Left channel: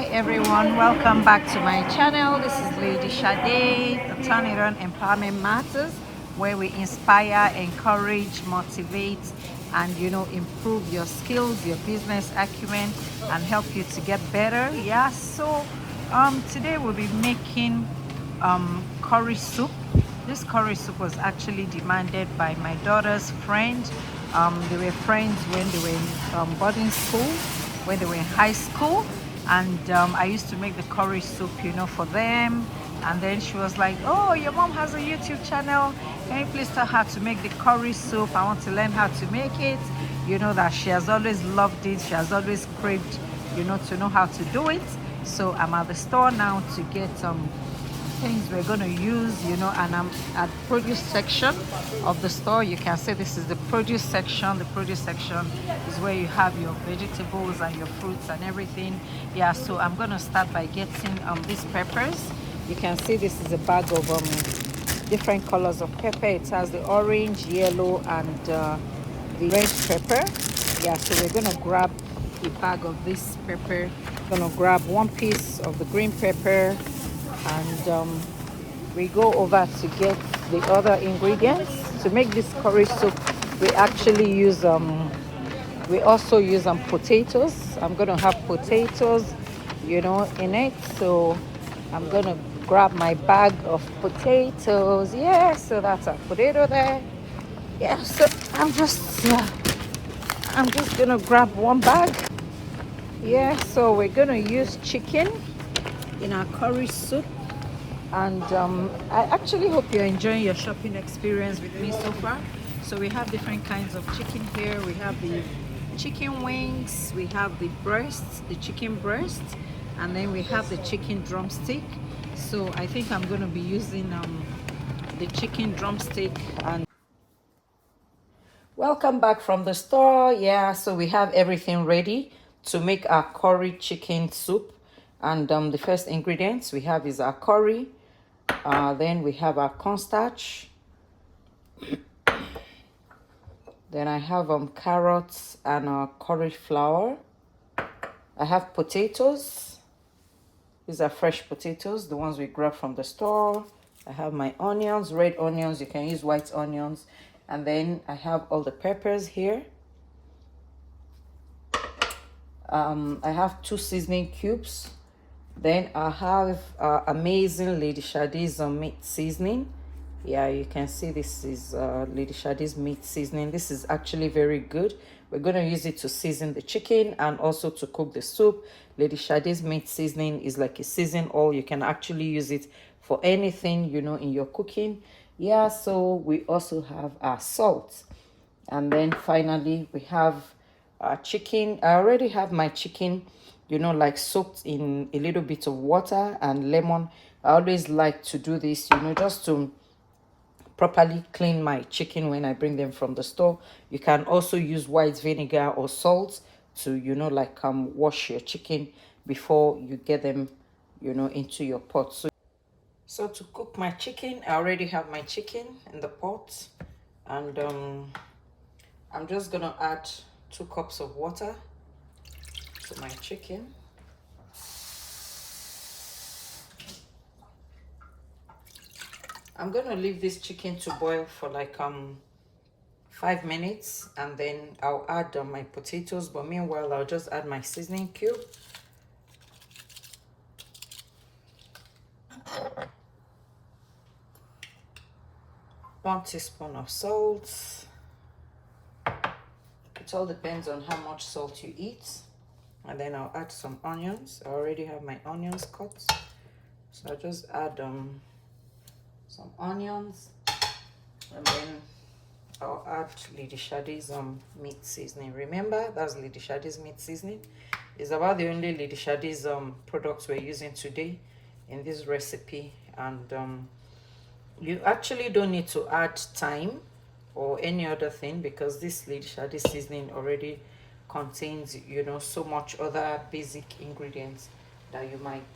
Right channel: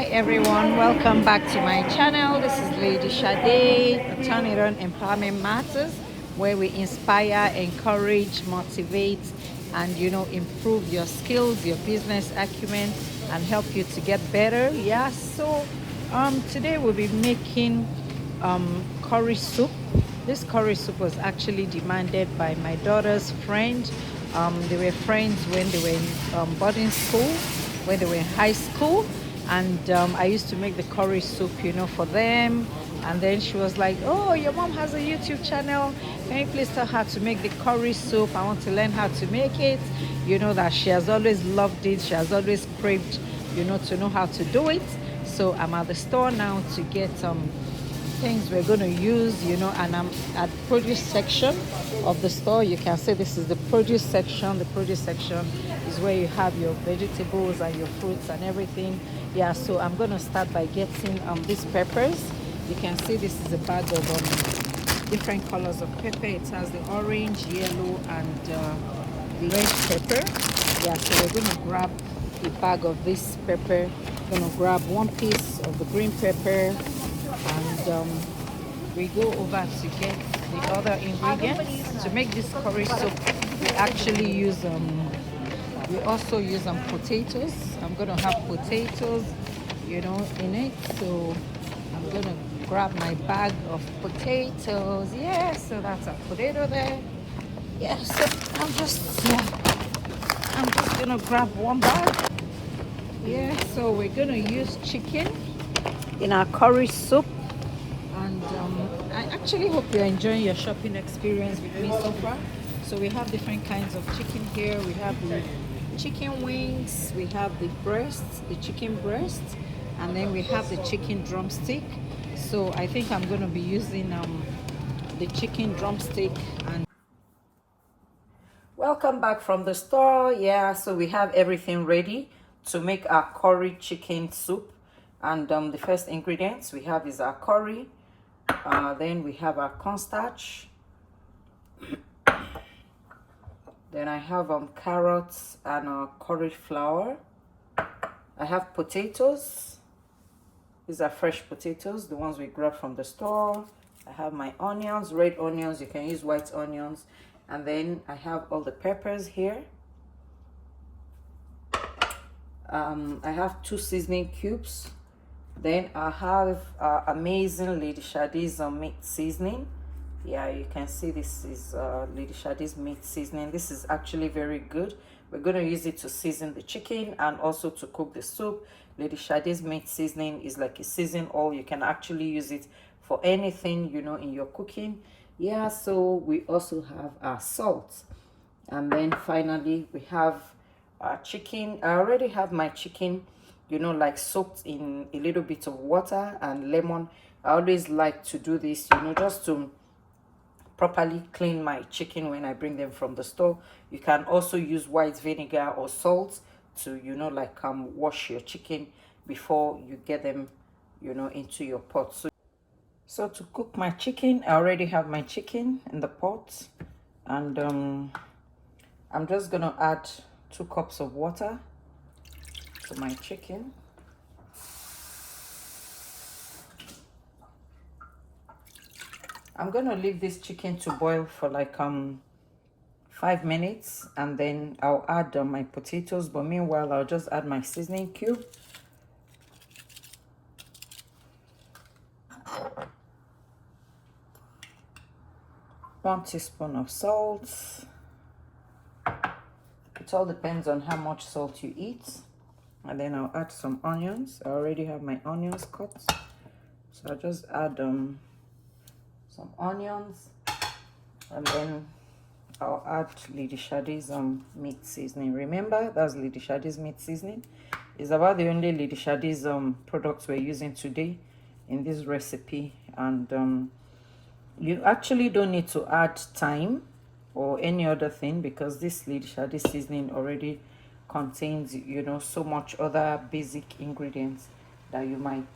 Hi everyone, welcome back to my channel. This is Lady Sade, the Turn It On Empowerment Matters, where we inspire, encourage, motivate, and improve your skills, your business acumen, and help you to get better. Yeah, so today we'll be making curry soup. This curry soup was actually demanded by my daughter's friend. They were friends when they were in boarding school, when they were in high school, and I used to make the curry soup, for them. And then she was like, "Oh, your mom has a YouTube channel. Can you please tell her to make the curry soup? I want to learn how to make it." You know that she has always loved it. She has always craved, to know how to do it. So I'm at the store now to get things we're going to use, and I'm at produce section of the store. You can see this is the produce section. The produce section is where you have your vegetables and your fruits and everything. Yeah, so I'm going to start by getting these peppers. You can see this is a bag of different colors of pepper. It has the orange, yellow, and the red pepper. Yeah, so we're going to grab a bag of this pepper. Going to grab one piece of the green pepper, and we go over to get the other ingredients to make this curry soup. We actually use we also use potatoes. I'm gonna have potatoes, in it. So I'm gonna grab my bag of potatoes. Yeah, so that's a potato there. Yeah, so I'm just gonna grab one bag. Yeah, so we're gonna use chicken in our curry soup. And I actually hope you're enjoying your shopping experience with me so far. So we have different kinds of chicken here. We have the chicken wings, we have the breasts, the chicken breast, and then we have the chicken drumstick. So I think I'm going to be using the chicken drumstick. And welcome back from the store. Yeah, so we have everything ready to make our curry chicken soup. And the first ingredients we have is our curry. Then we have our cornstarch. Then I have carrots and cauliflower. I have potatoes. These are fresh potatoes, the ones we grab from the store. I have my onions, red onions. You can use white onions. And then I have all the peppers here. I have 2 seasoning cubes. Then I have amazing Lady Sade's meat seasoning. Yeah, you can see this is Lady Sade's meat seasoning. This is actually very good. We're going to use it to season the chicken and also to cook the soup. Lady Sade's meat seasoning is like a season oil. You can actually use it for anything, in your cooking. Yeah, so we also have our salt. And then finally, we have our chicken. I already have my chicken, like soaked in a little bit of water and lemon. I always like to do this, just to properly clean my chicken when I bring them from the store. You can also use white vinegar or salt to wash your chicken before you get them into your pot. So to cook my chicken, I already have my chicken in the pot, and I'm just gonna add 2 cups of water to my chicken. I'm gonna leave this chicken to boil for like 5 minutes, and then I'll add my potatoes. But meanwhile, I'll just add my seasoning cube. One teaspoon of salt. It all depends on how much salt you eat. And then I'll add some onions. I already have my onions cut, so I'll just add some onions, and then I'll add Lady Sade's meat seasoning. Remember, that's Lady Sade's meat seasoning. It's about the only Lady Sade's products we're using today in this recipe. And you actually don't need to add thyme or any other thing, because this Lady Sade's seasoning already contains so much other basic ingredients that you might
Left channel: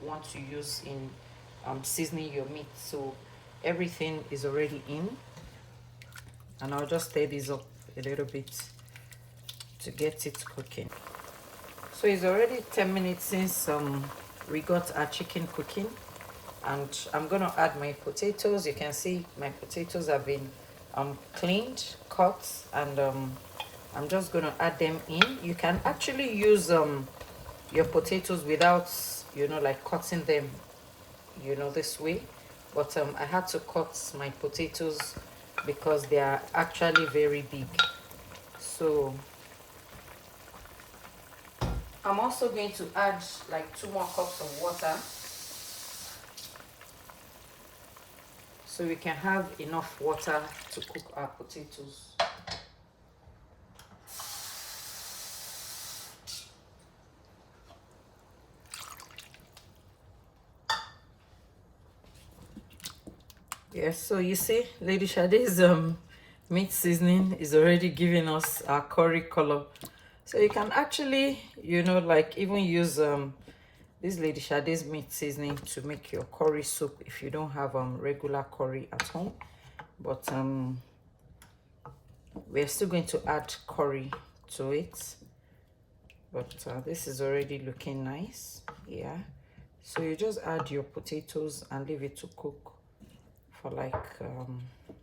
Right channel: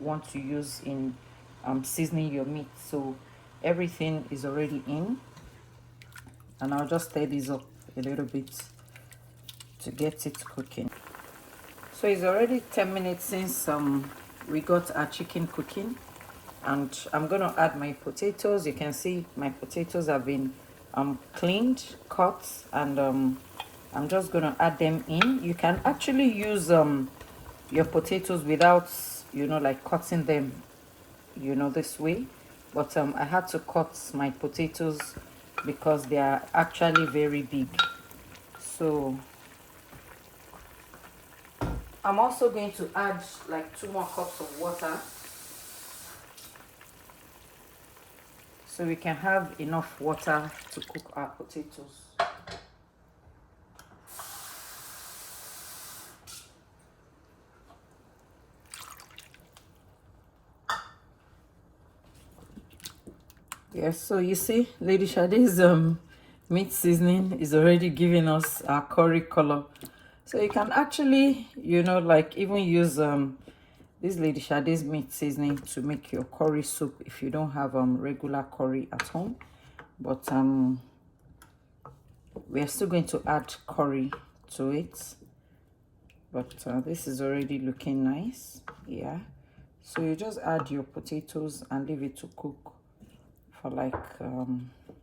want to use in seasoning your meat. So everything is already in, and I'll just stir this up a little bit to get it cooking. So it's already 10 minutes since we got our chicken cooking, and I'm gonna add my potatoes. You can see my potatoes have been cleaned, cut, and I'm just gonna add them in. You can actually use your potatoes without, you know, like cutting them, you know, this way, but I had to cut my potatoes because they are actually very big. So I'm also going to add like 2 more cups of water so we can have enough water to cook our potatoes. Yes, so you see, Lady Sade's meat seasoning is already giving us our curry color. So you can actually, you know, like even use this Lady Sade's meat seasoning to make your curry soup if you don't have regular curry at home. But we are still going to add curry to it. But this is already looking nice. Yeah. So you just add your potatoes and leave it to cook for like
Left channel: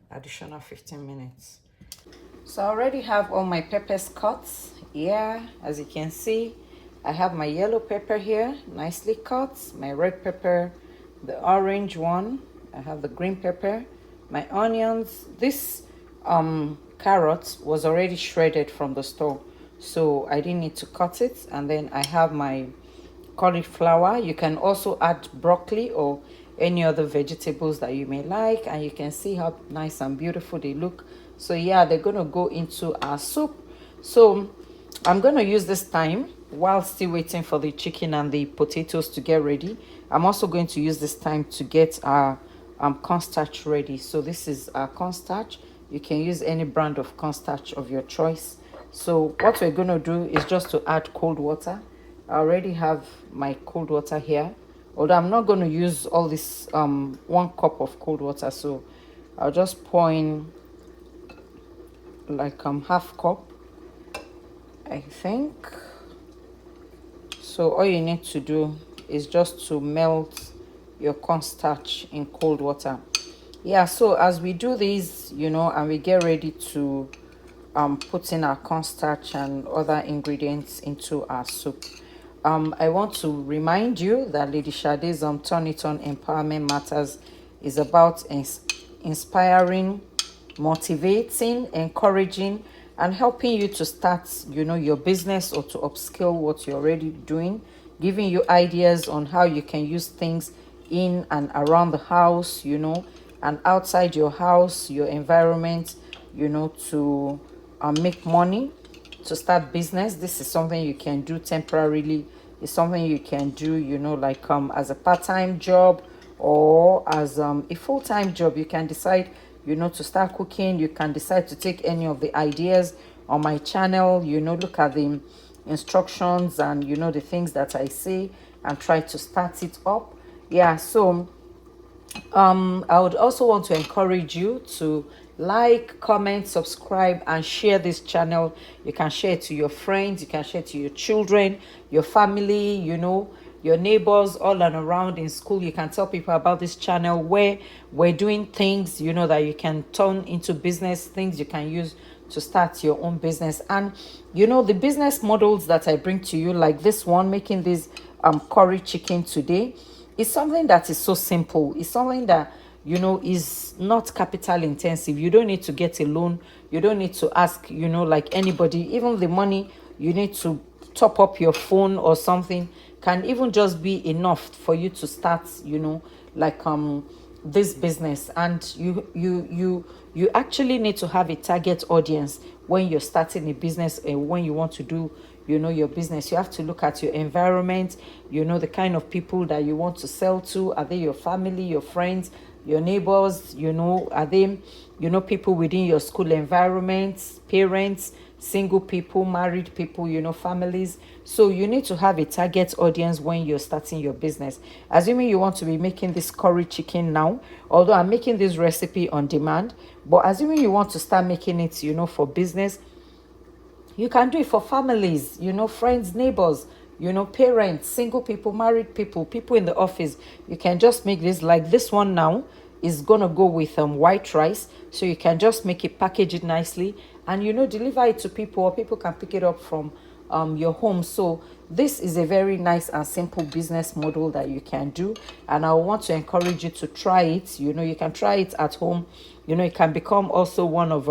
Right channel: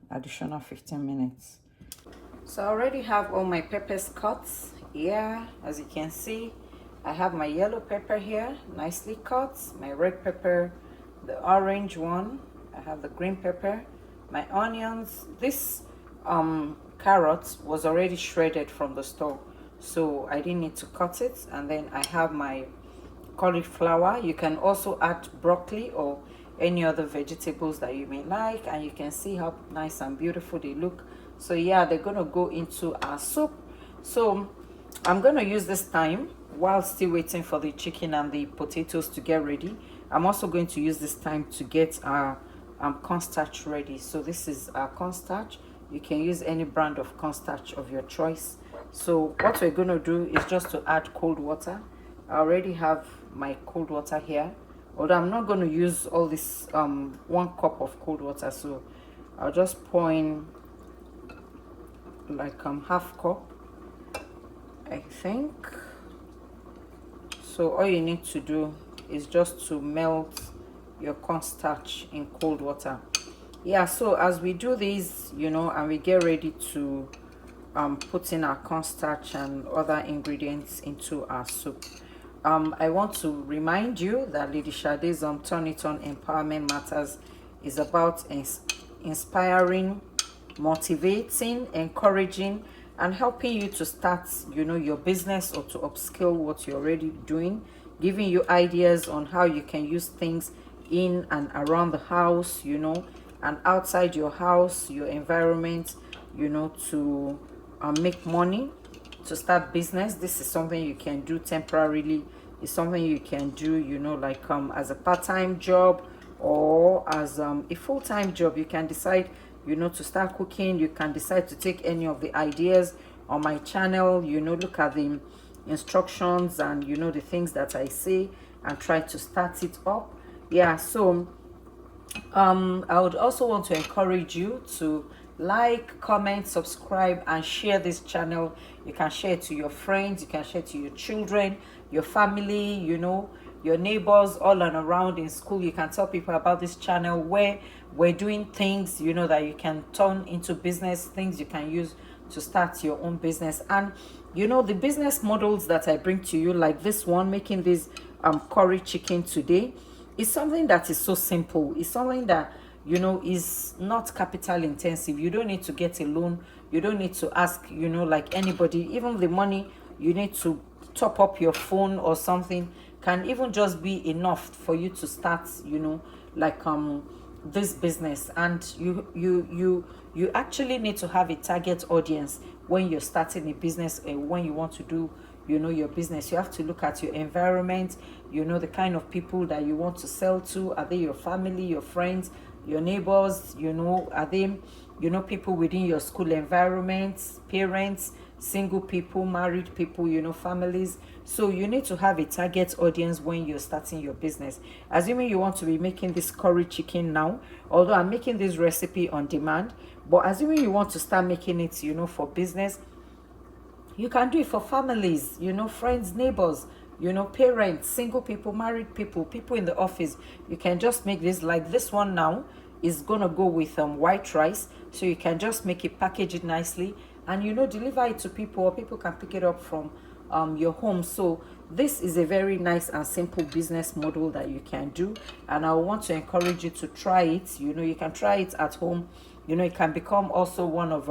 additional 15 minutes. So I already have all my peppers cut. Yeah, as you can see, I have my yellow pepper here, nicely cut, my red pepper, the orange one, I have the green pepper, my onions. This carrot was already shredded from the store, so I didn't need to cut it. And then I have my cauliflower. You can also add broccoli or any other vegetables that you may like, and you can see how nice and beautiful they look. So yeah, they're gonna go into our soup. So I'm gonna use this time while still waiting for the chicken and the potatoes to get ready. I'm also going to use this time to get our cornstarch ready. So this is our cornstarch. You can use any brand of cornstarch of your choice. So what we're gonna do is just to add cold water. I already have my cold water here, although I'm not going to use all this 1 cup of cold water, so I'll just pour in like half cup, I think. So all you need to do is just to melt your cornstarch in cold water. Yeah, so as we do this, you know, and we get ready to put in our cornstarch and other ingredients into our soup, I want to remind you that Lady Sade's Turn It On Empowerment Matters is about inspiring, motivating, encouraging, and helping you to start, you know, your business or to upscale what you're already doing, giving you ideas on how you can use things in and around the house, you know, and outside your house, your environment, you know, to make money, to start business. This is something you can do temporarily. It's something you can do, you know, like as a part-time job or as a full-time job. You can decide, you know, to start cooking. You can decide to take any of the ideas on my channel, you know, look at the instructions and, you know, the things that I say and try to start it up. Yeah, so I would also want to encourage you to like, comment, subscribe, and share this channel. You can share it to your friends, you can share it to your children, your family, you know, your neighbors all and around in school. You can tell people about this channel where we're doing things, you know, that you can turn into business, things you can use to start your own business. And you know, the business models that I bring to you, like this one, making this curry chicken today, is something that is so simple. It's something that, you know, is not capital intensive. You don't need to get a loan. You don't need to ask, you know, like anybody. Even the money you need to top up your phone or something can even just be enough for you to start, you know, like this business. And you actually need to have a target audience when you're starting a business and when you want to do, you know, your business. You have to look at your environment, you know, the kind of people that you want to sell to. Are they your family, your friends, your neighbors? You know, are they, you know, people within your school environment, parents, single people, married people, you know, families? So you need to have a target audience when you're starting your business. Assuming you want to be making this curry chicken now, although I'm making this recipe on demand, but assuming you want to start making it, you know, for business, you can do it for families, you know, friends, neighbors, you know, parents, single people, married people, people in the office. You can just make this. Like this one now is gonna go with white rice, so you can just make it, package it nicely, and you know, deliver it to people, or people can pick it up from your home. So this is a very nice and simple business model that you can do, and I want to encourage you to try it. You know, you can try it at home. You know, it can become also one of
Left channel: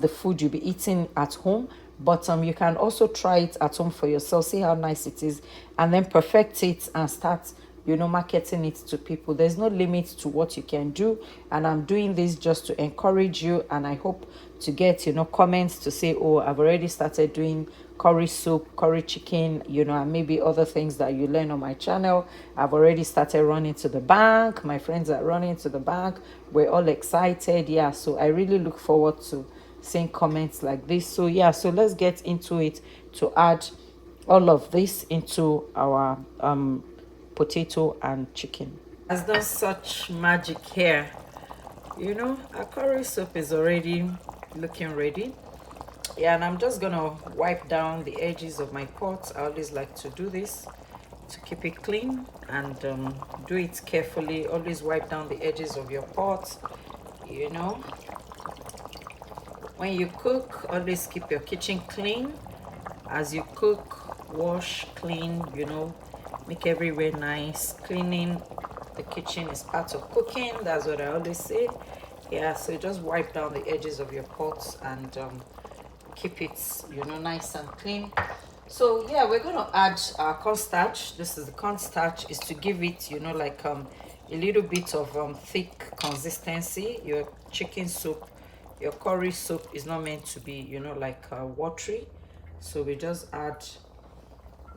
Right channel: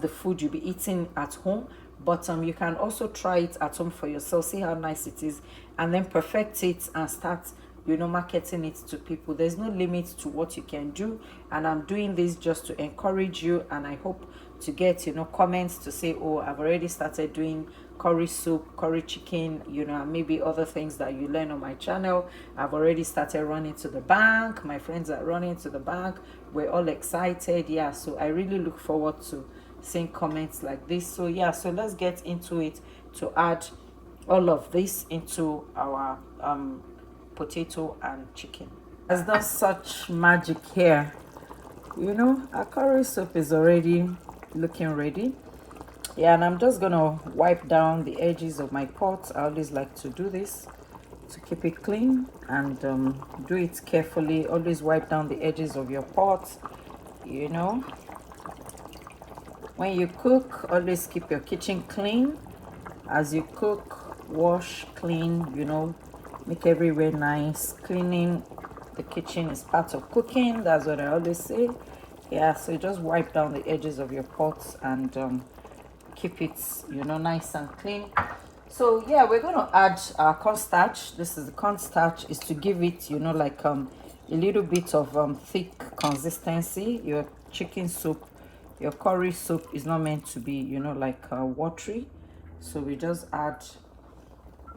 the food you'll be eating at home, but you can also try it at home for yourself, see how nice it is, and then perfect it and start, you know, marketing it to people. There's no limit to what you can do, and I'm doing this just to encourage you, and I hope to get, you know, comments to say, oh, I've already started doing curry soup, curry chicken, you know, and maybe other things that you learn on my channel. I've already started running to the bank. My friends are running to the bank. We're all excited. Yeah, so I really look forward to seeing comments like this. So yeah, so let's get into it to add all of this into our potato and chicken. Has done such magic here. You know, our curry soup is already looking ready. Yeah, and I'm just gonna wipe down the edges of my pot. I always like to do this to keep it clean, and do it carefully. Always wipe down the edges of your pot. You know, when you cook, always keep your kitchen clean. As you cook, wash, clean, you know, make everywhere nice. Cleaning the kitchen is part of cooking. That's what I always say. Yeah, so just wipe down the edges of your pots and keep it, you know, nice and clean. So yeah, we're going to add our cornstarch. This is the cornstarch, is to give it, you know, like a little bit of thick consistency. Your chicken soup, your curry soup is not meant to be, you know, like watery. So we just add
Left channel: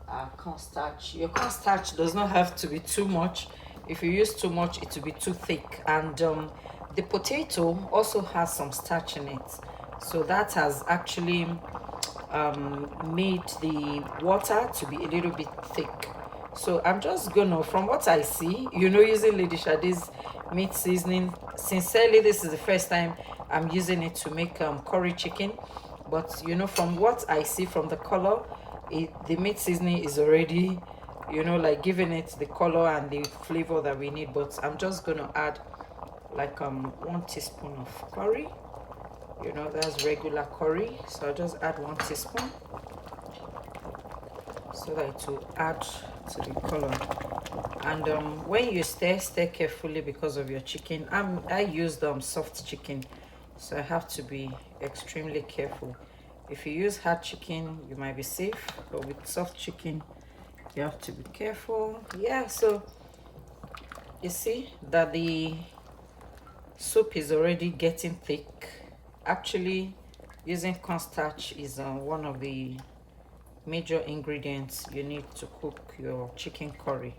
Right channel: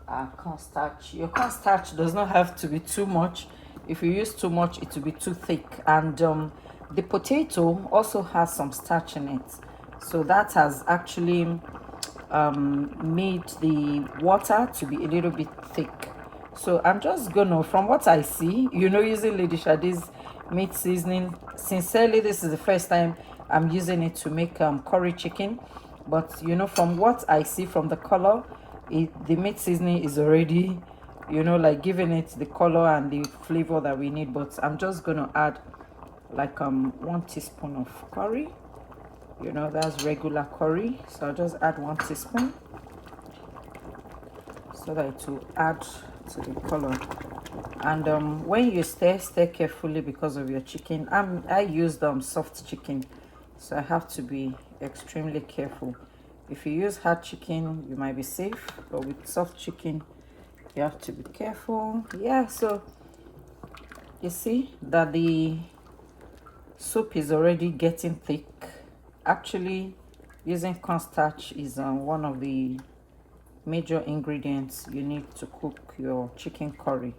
our cornstarch. Your cornstarch does not have to be too much. If you use too much, it will be too thick. And the potato also has some starch in it, so that has actually made the water to be a little bit thick. So I'm just gonna, from what I see, you know, using Lady Sade's meat seasoning. Sincerely, this is the first time I'm using it to make curry chicken, but you know, from what I see, from the color, the meat seasoning is already, you know, like giving it the color and the flavor that we need. But I'm just gonna add like 1 teaspoon of curry. You know, that's regular curry, so I'll just add 1 teaspoon so that it will add to the color. And when you stir carefully, because of your chicken. I used soft chicken, so I have to be extremely careful. If you use hard chicken, you might be safe, but with soft chicken, you have to be careful. Yeah, so you see that the soup is already getting thick. Actually, using cornstarch is one of the major ingredients you need to cook your chicken curry.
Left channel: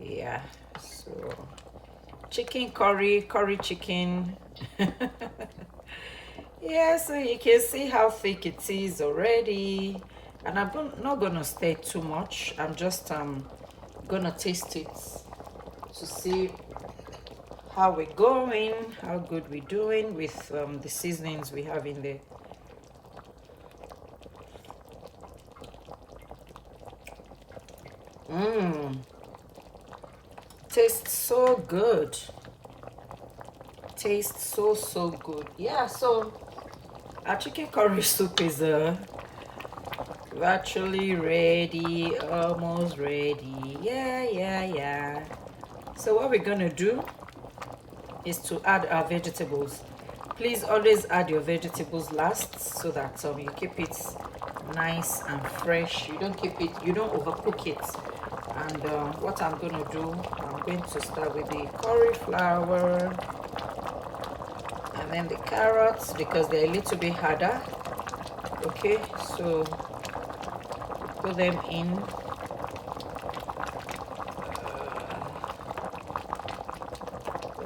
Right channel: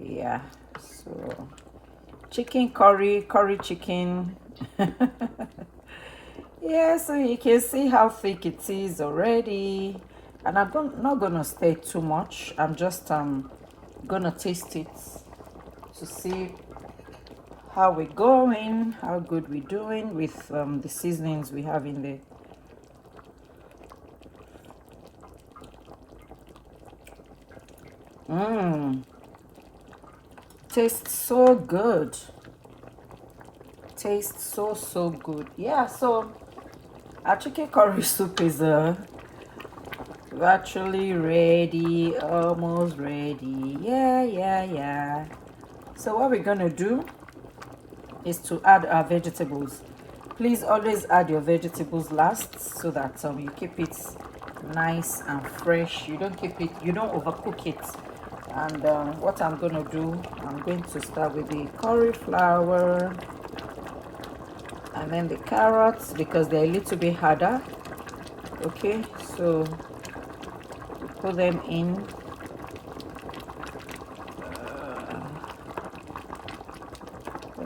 Yeah, so chicken curry, curry chicken. Yeah, so you can see how thick it is already, and I'm not gonna stir too much. I'm just gonna taste it to see how we're going, how good we're doing with the seasonings we have in there. Tastes so good. Tastes so good. Yeah, so our chicken curry soup is virtually ready, almost ready. Yeah. So what we're gonna do is to add our vegetables. Please always add your vegetables last, so that you keep it nice and fresh. You don't overcook it. And what I'm gonna do, I'm going to start with the cauliflower and then the carrots, because they're a little bit harder. Okay, so put them in.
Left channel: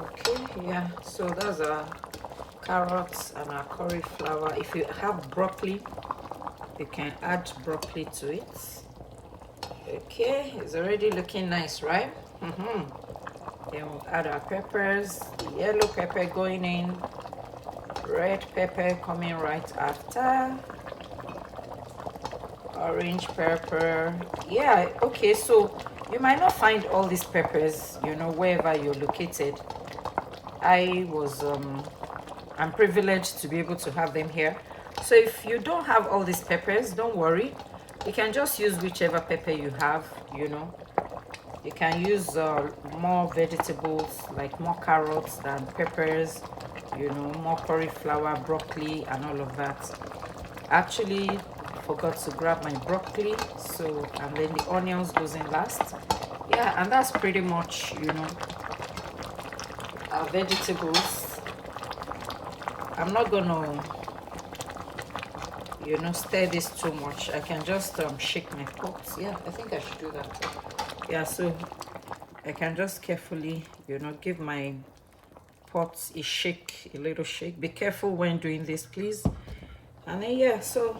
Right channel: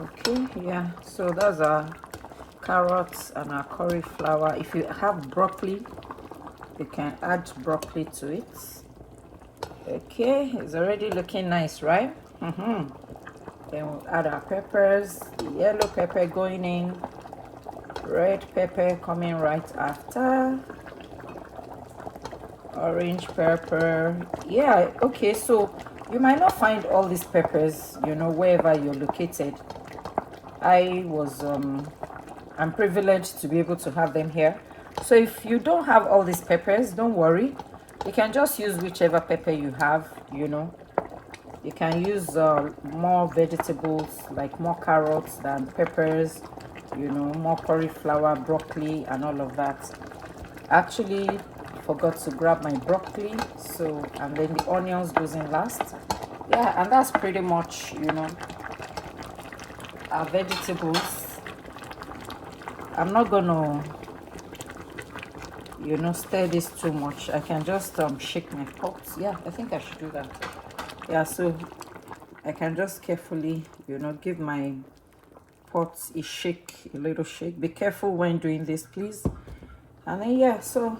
Okay, yeah, so those are carrots and our cauliflower. If you have broccoli, you can add broccoli to it. Okay, it's already looking nice, right? Then we'll add our peppers. The yellow pepper going in, red pepper coming right after. orange pepper. Yeah, okay, so you might not find all these peppers, you know, wherever you're located. I'm privileged to be able to have them here. So if you don't have all these peppers, don't worry. You can just use whichever pepper you have, you know. You can use more vegetables, like more carrots than peppers, you know, more cauliflower, broccoli, and all of that. Actually, forgot to grab my broccoli, so, and then the onions goes in last. Yeah, and that's pretty much, you know, our vegetables. I'm not gonna, you know, stir this too much. I can just shake my pot. Yeah, I think I should do that. Yeah, so I can just carefully, you know, give my pot a shake, a little shake. Be careful when doing this, please. And then yeah, so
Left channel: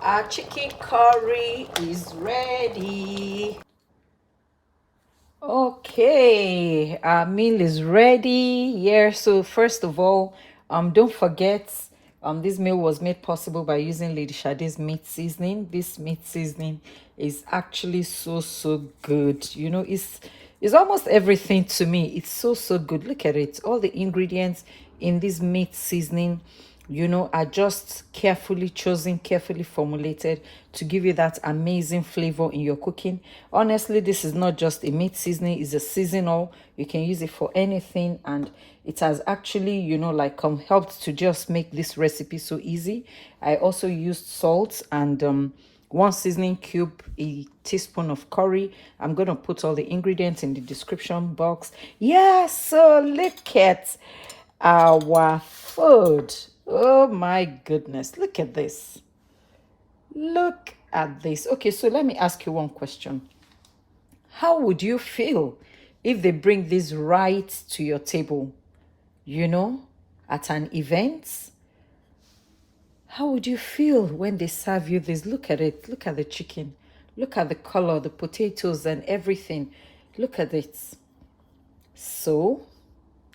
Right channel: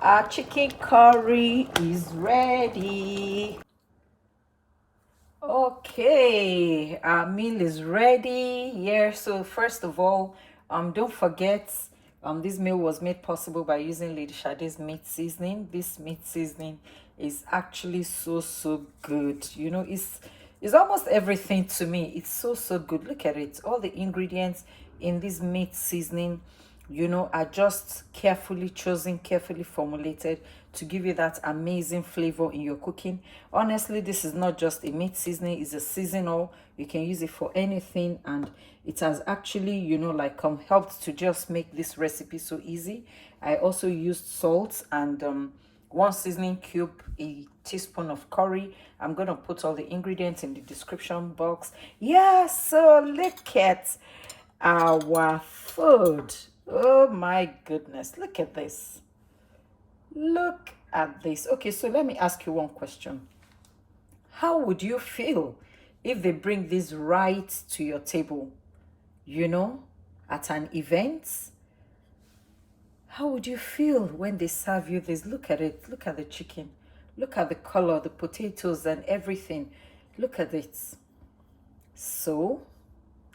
our chicken curry is ready. Okay, our meal is ready. Yeah, so first of all, don't forget, this meal was made possible by using Lady Sade's meat seasoning. This meat seasoning is actually so good. You know, it's almost everything to me. It's so good. Look at it. All the ingredients in this meat seasoning, you know, are just carefully chosen, carefully formulated to give you that amazing flavor in your cooking. Honestly, this is not just a meat seasoning, it's a seasonal. You can use it for anything, and it has actually, you know, like helped to just make this recipe so easy. I also used salt and one seasoning cube, a teaspoon of curry. I'm gonna put all the ingredients in the description box. Yeah, so look at our food. Oh my goodness, look at this. Look at this. Okay, so let me ask you one question. How would you feel if they bring this right to your table, you know, at an event? How would you feel when they serve you this? Look at it. Look at the chicken. Look at the color, the potatoes and everything. Look at it. So,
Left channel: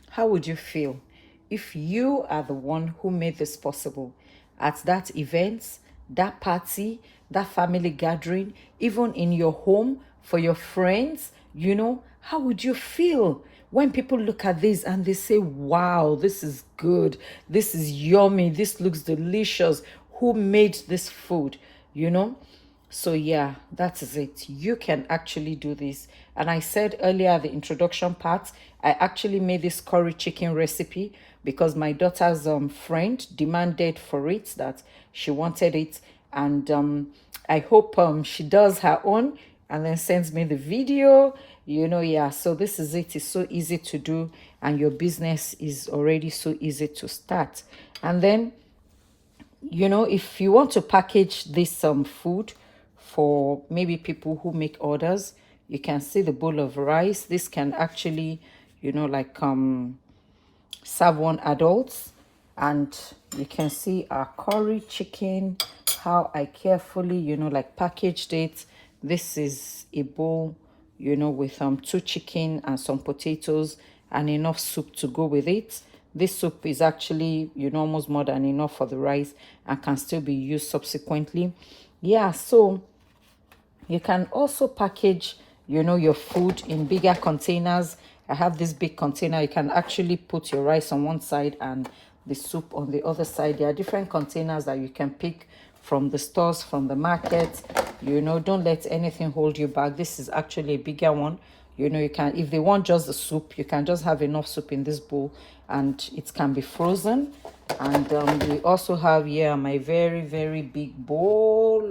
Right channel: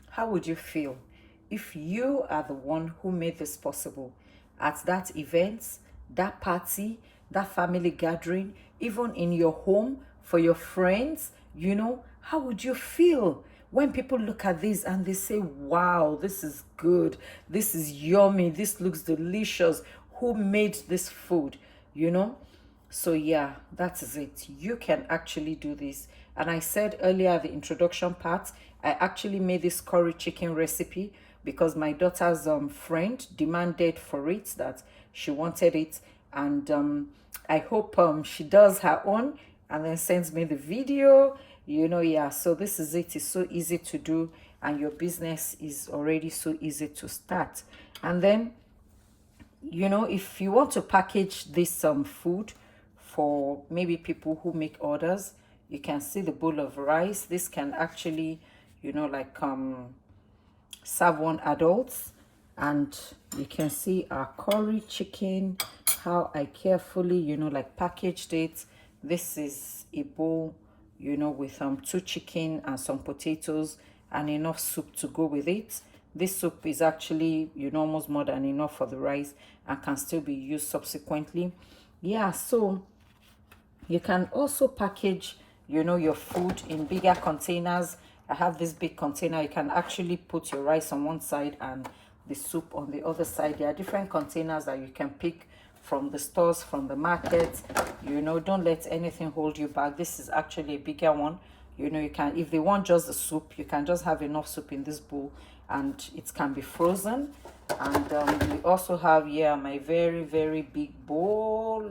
how would you feel if you are the one who made this possible at that event, that party, that family gathering, even in your home for your friends? You know, how would you feel when people look at this and they say, wow, this is good, this is yummy, this looks delicious, who made this food, you know? So yeah, that is it. You can actually do this. And I said earlier, the introduction part, I actually made this curry chicken recipe because my daughter's friend demanded for it, that she wanted it. And I hope she does her own and then sends me the video, you know. Yeah, so this is it. It's so easy to do, and your business is already so easy to start. And then, you know, if you want to package this food for maybe people who make orders, you can see the bowl of rice. This can actually, you know, like serve one adult. And you can see our curry chicken, how I carefully, you know, like packaged it. This is a bowl, you know, with two chicken and some potatoes and enough soup to go with it. This soup is actually, you know, almost more than enough for the rice and can still be used subsequently. Yeah, so you can also package, you know, your food in bigger containers. I have this big container. You can actually put your rice on one side and the soup on the other side. There are different containers that you can pick from the stores, from the market. You know, don't let anything hold you back. This is actually a bigger one. You know, you can, if they want just the soup, you can just have enough soup in this bowl and it can be frozen. And we also have here my very big bowl.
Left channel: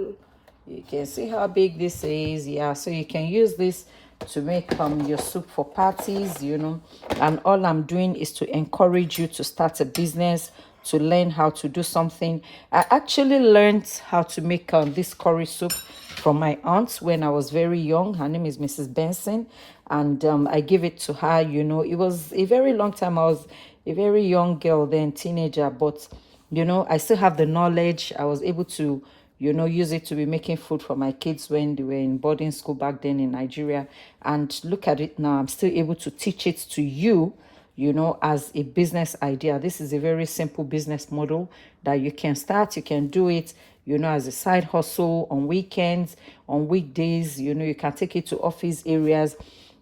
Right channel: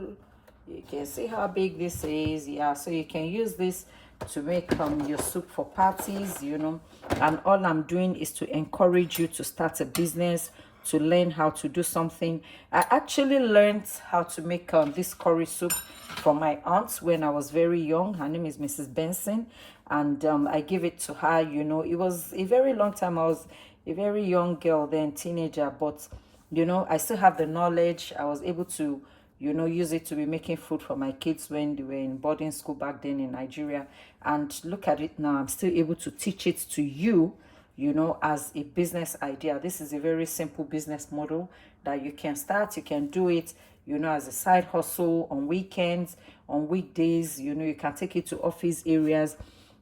You can see how big this is. Yeah, so you can use this to make your soup for parties, you know. And all I'm doing is to encourage you to start a business, to learn how to do something. I actually learned how to make this curry soup from my aunt when I was very young. Her name is Mrs. Benson, and I give it to her. You know, it was a very long time. I was a very young girl then, teenager, but you know, I still have the knowledge. I was able to, you know, use it to be making food for my kids when they were in boarding school back then in Nigeria. And look at it now, I'm still able to teach it to you, you know, as a business idea. This is a very simple business model that you can start, you can do it, you know, as a side hustle on weekends, on weekdays. You know, you can take it to office areas.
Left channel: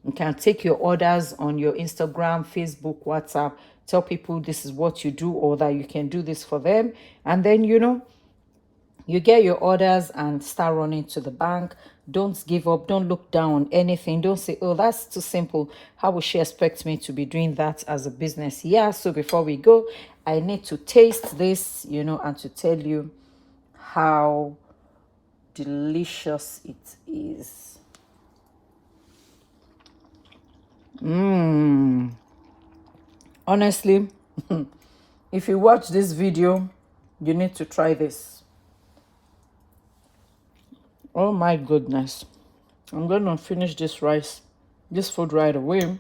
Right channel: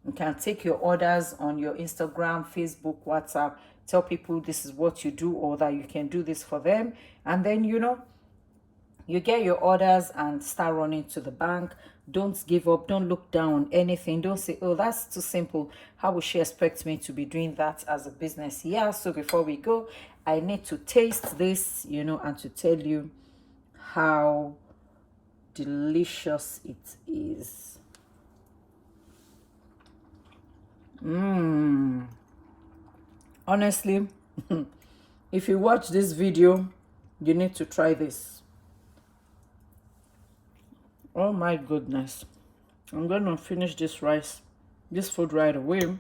You can take your orders on your Instagram, Facebook, WhatsApp. Tell people this is what you do, or that you can do this for them. And then, you know, you get your orders and start running to the bank. Don't give up. Don't look down on anything. Don't say, oh, that's too simple. How will she expect me to be doing that as a business? Yeah, so before we go, I need to taste this, you know, and to tell you how delicious it is. Honestly, if you watch this video, you need to try this. Oh my goodness. I'm going to finish this food right away.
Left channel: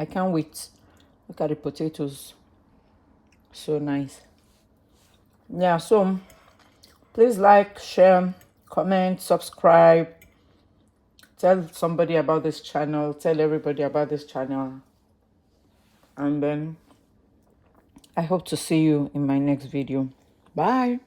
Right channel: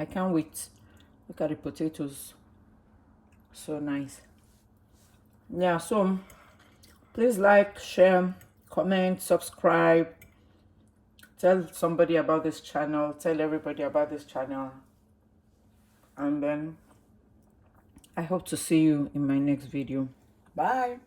I can't wait. Look at the potatoes. So nice. Yeah, so please like, share, comment, subscribe. Tell somebody about this channel. Tell everybody about this channel. And then I hope to see you in my next video. Bye.